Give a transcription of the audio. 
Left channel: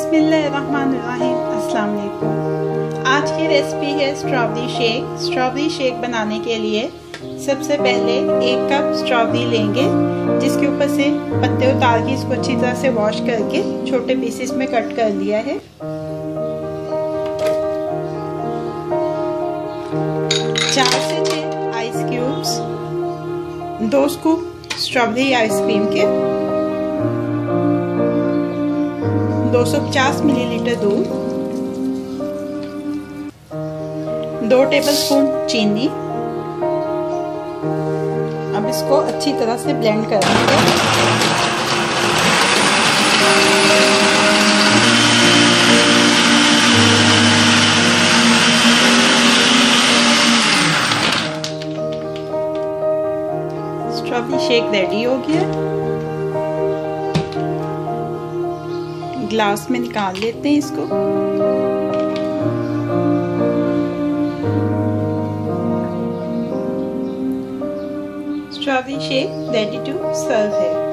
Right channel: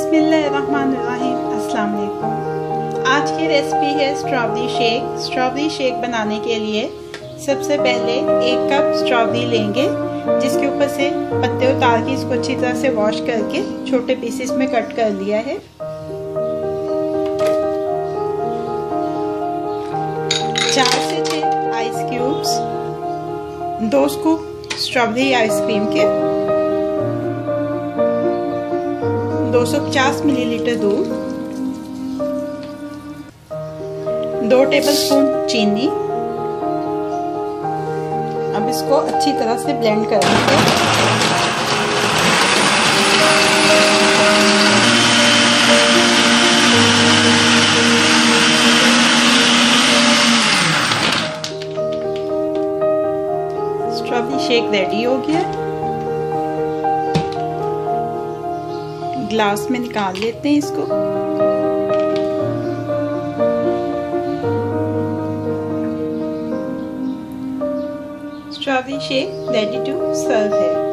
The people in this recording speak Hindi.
बिस्मिल्लाहिर्रहमानिर्रहीम। अस्सलाम वालेकुम। आज की रेसिपी है स्ट्रॉबेरी शेक। स्ट्रॉबेरी शेक बनाने के लिए सबसे पहले 1 कप स्ट्रॉबेरी लेंगे, जिसके ऊपर से पत्ते उतार के इसको अच्छी तरह से वॉश करके छोटे पीसेस में कट कर लिया है। 4 से 6 ice cubes, 2 scoop strawberry ice cream के, 250 मिलीलीटर दूध, 2 टेबलस्पून चीनी। अब इसको अच्छी तरह से ब्लेंड कर लेंगे। स्ट्रॉबेरी शेक रेडी हो गया। ग्लास में निकाल लेते हैं इसको। Strawberry shake ready to serve है।